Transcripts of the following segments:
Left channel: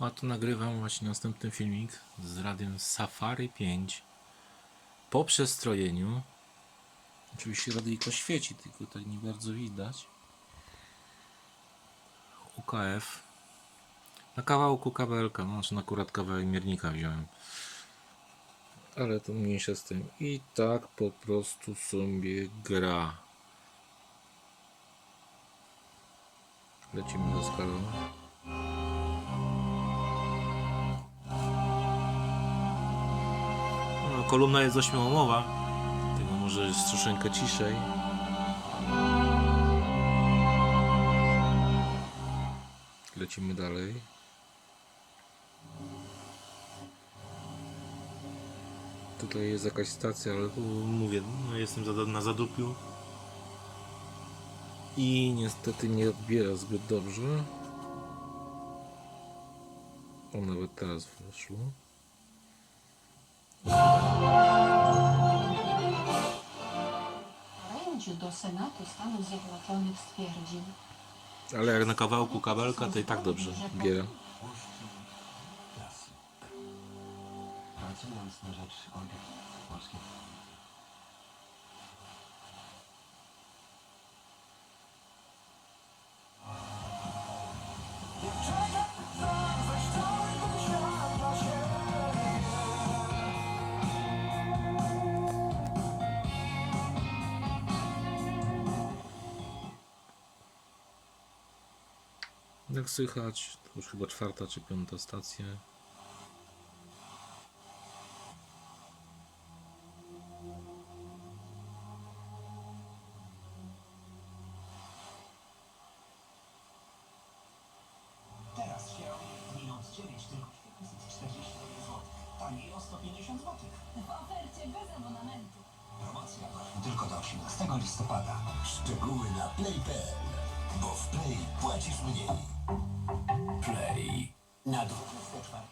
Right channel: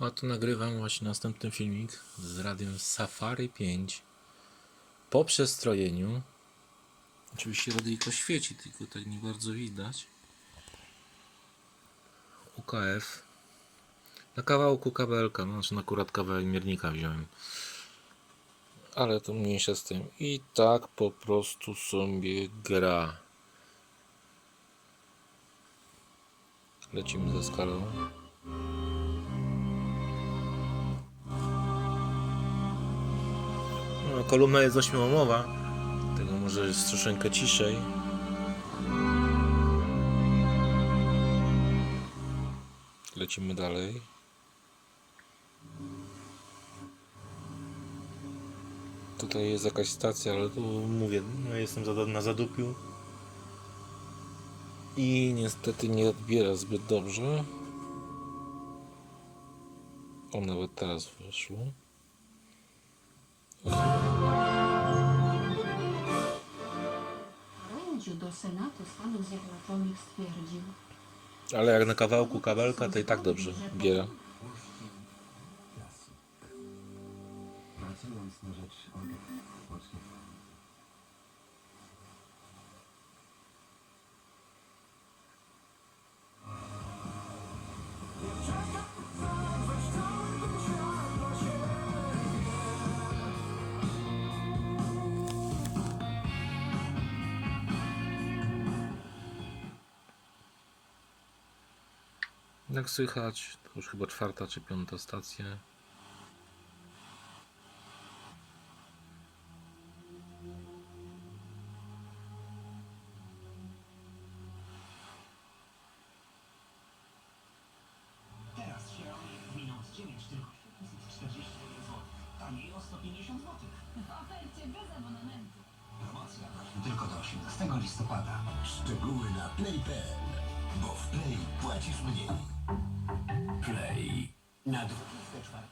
A tu nagrywam właśnie następny filmik z radiem Safari 5 po przestrojeniu. Oczywiście radyjko świeci, tylko tutaj nie bardzo widać. UKF. Na kawałku kabelka, no znaczy akurat kawałek miernika wziąłem. Ale to mniejsze z tym. I tak po prostu sobie gra. Lecimy ze skalą. No, kolumna jest ośmiołomowa, tego może jest troszeczkę ciszej. Lecimy dalej. Tutaj jest jakaś stacja, ale tu mówię, no jestem na zadupiu. I niestety nie odbiera zbyt dobrze. O, nawet teraz weszło. Do Senatu Stanów Zjednoczonych stwierdził, Ale jak na kawałku kabelka, to i tak dobrze biera. Pracując na rzecz obiekt Jak słychać, to już chyba czwarta czy piąta stacja. Teraz się minąc 9 tylko 740 zł. Taniej o 150 zł. w ofercie bez abonamentu. Promocja tylko do 18 listopada. Szczegóły na play.pl, bo w play płacisz mniej. Na 24.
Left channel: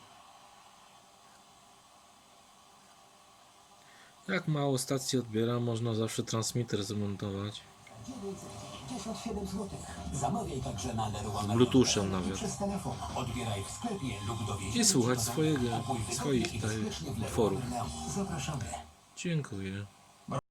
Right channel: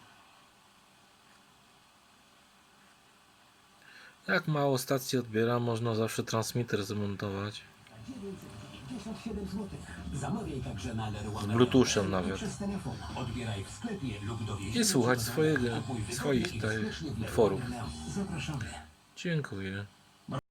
Jak mało stacji odbiera, można zawsze transmitter zamontować. 997 zł. Zamawiaj także na Leroy Z Bluetoothem nawet. Przez telefon. Odbieraj w sklepie lub dowieź. I słuchać swojego, swoich tych utworów. Zapraszamy. Dziękuję.